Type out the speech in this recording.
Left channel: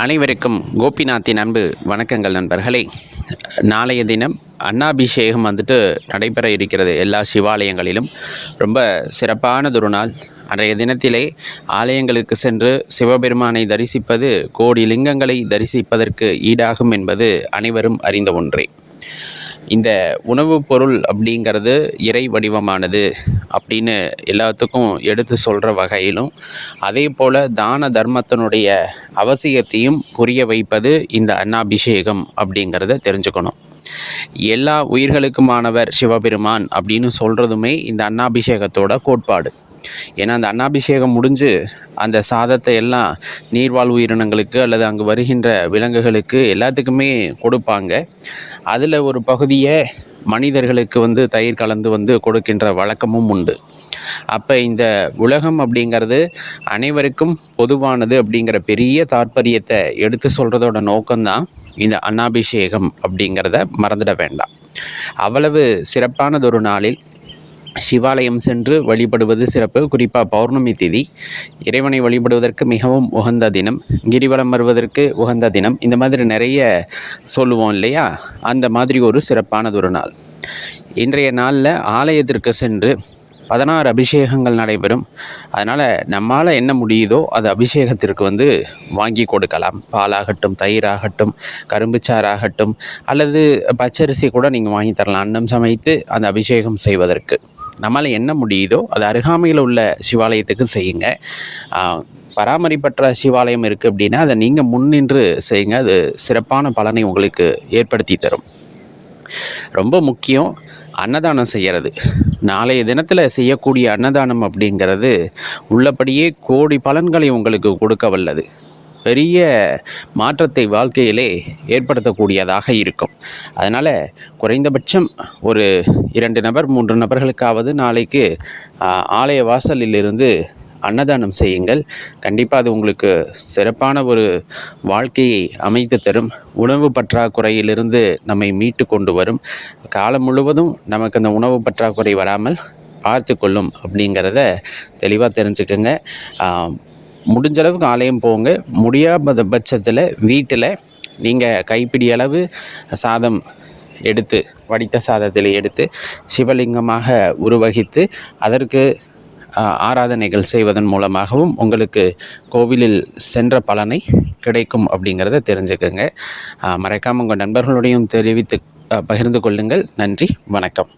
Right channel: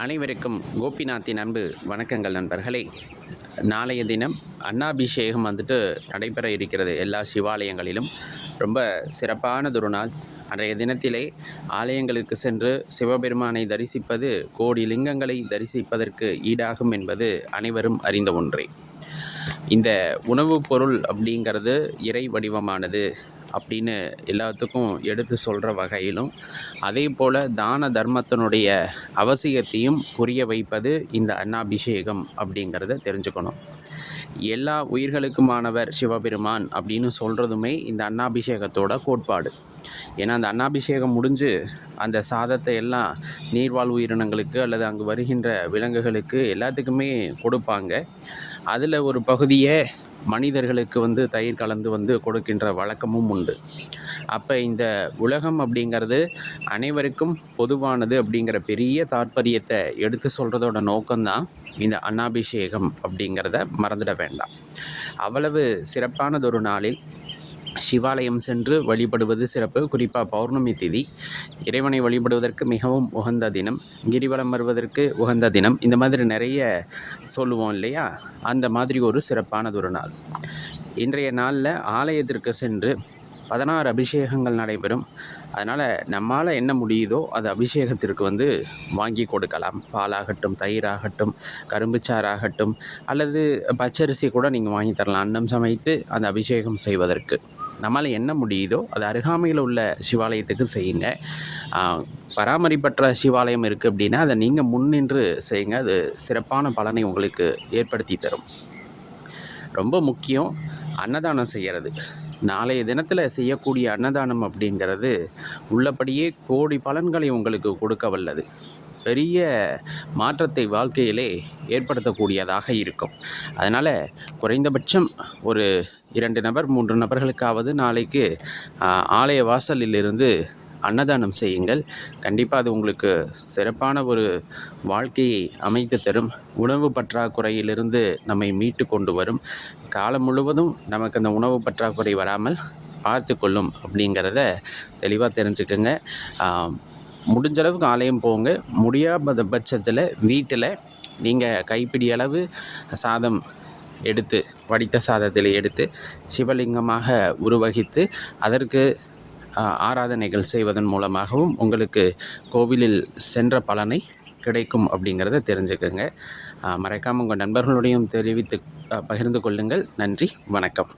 அனைவருக்கும் கோபிநாத்தின் அன்பு வணக்கங்கள் நண்பர்களே. நாளைய தினம் அன்னாபிஷேகம் நடைபெற இருக்கிறது எல்லா சிவாலயங்களிலும். ரொம்ப சிறப்பானதொரு நாள். அன்றைய தினத்திலே ஆலயங்களுக்கு சென்று சிவபெருமானை தரிசிப்பது கோடி லிங்கங்களை தரிசிப்பதற்கு ஈடாகும் என்பது அனைவரும் அறிந்த ஒன்றே. இந்த உணவுப் பொருள் அப்படிங்கிறது இறை வடிவமானது அப்படின்னு எல்லாத்துக்கும் எடுத்து சொல்கிற வகையிலும், அதே போல் தான தர்மத்தினுடைய அவசியத்தையும் புரிய வைப்பது இந்த அன்னாபிஷேகம் அப்படிங்கிறத தெரிஞ்சுக்கணும். எல்லா உயிர்களுக்குமானவர் சிவபெருமான் அப்படின்னு சொல்கிறதுமே இந்த அன்னாபிஷேகத்தோட கோட்பாடு. ஏன்னா அந்த அன்னாபிஷேகம் முடிஞ்சு அந்த சாதத்தை எல்லாம் நீர்வாழ் உயிரினங்களுக்கு அல்லது அங்கு வருகின்ற விலங்குகளுக்கு எல்லாத்துக்குமே கொடுப்பாங்க. அதில் ஒரு பகுதியை மனிதர்களுக்கு தயிர் கலந்து கொடுக்கின்ற வழக்கமும் உண்டு. அப்போ இந்த உலகம் அப்படிங்கிறது அனைவருக்கும் பொதுவானது அப்படிங்கிற பெரிய தாற்பயத்தை எடுத்து சொல்கிறதோட நோக்கம்தான் இந்த அன்னாபிஷேகம் அப்படிங்கிறத மறந்துட வேண்டாம். அவ்வளவு சிறப்பானதொரு நாளில் சிவாலயம் சென்று வழிபடுவது சிறப்பு. குறிப்பாக பௌர்ணமி திதி இறைவனை வழிபடுவதற்கு மிகவும் உகந்த தினம், கிரிவலம் வருவதற்கு உகந்த தினம், இந்த மாதிரி நிறைய சொல்லுவோம் இல்லையா? அந்த மாதிரி ஒரு சிறப்பானதொரு நாள். இன்றைய நாளில் ஆலயத்திற்கு சென்று 16 அபிஷேகங்கள் நடைபெறும். அதனால் நம்மால் என்ன முடியுதோ அது அபிஷேகத்திற்கு வாங்கி கொடுக்கலாம். பாலாகட்டும், தயிராகட்டும், கரும்புச்சாறாகட்டும், அல்லது பச்சரிசி கூட நீங்கள் வாங்கி தரலாம். அன்னம் சமைத்து அந்த அபிஷேகம் செய்வதற்கு நம்மால் என்ன முடியுதோ அது அருகாமையில் உள்ள சிவாலயத்துக்கு செய்யுங்க. பராமரிப்பற்ற சிவாலயம் இருக்குது அப்படின்னா அதை நீங்கள் முன்னின்று செய்யுங்க. அது சிறப்பான பலனை உங்களுக்கு ஏற்படுத்தி தரும். ரொம்ப முக்கியம் அன்னதானம் செய்கிறது. நாளைய தினத்தில் செய்யக்கூடிய அன்னதானம் அப்படிங்கிறது உள்ளபடியே கோடி பலன்களை உங்களுக்கு கொடுக்க வல்லது. பெரிய மாற்றத்தை வாழ்க்கையிலே ஏற்படுத்தக்கூடியதாக இருக்கும். அதனால் குறைந்தபட்சம் ஒரு 2 நபர் 3 நபர்களுக்காவது நாளைக்கு ஆலய வாசலிலிருந்து அன்னதானம் செய்யுங்கள். கண்டிப்பாக அது உங்களுக்கு சிறப்பான ஒரு வாழ்க்கையை அமைத்து தரும். உணவு பற்றாக்குறையிலிருந்து நம்மை மீட்டு கொண்டு வரும். காலம் முழுவதும் நமக்கு அந்த உணவு பற்றாக்குறை வராமல் பார்த்து கொள்ளும் அப்படிங்கிறத தெளிவாக தெரிஞ்சுக்கோங்க. முடிஞ்ச அளவுக்கு ஆலயம் போங்க. முடியாத பட்சத்தில் வீட்டில் நீங்கள் கைப்பிடி அளவு சாதம் எடுத்து, வடித்த சாதத்தில் எடுத்து சிவலிங்கமாக உருவகித்து அதற்கு ஆராதனைகள் செய்வதன் மூலமாகவும் உங்களுக்கு கோவிலில் சென்ற பலனை கிடைக்கும் அப்படிங்கிறத தெரிஞ்சுக்கோங்க. மறக்காமல் உங்கள் நண்பர்களுடையும் தெரிவித்து பகிர்ந்து கொள்ளுங்கள். நன்றி, வணக்கம்.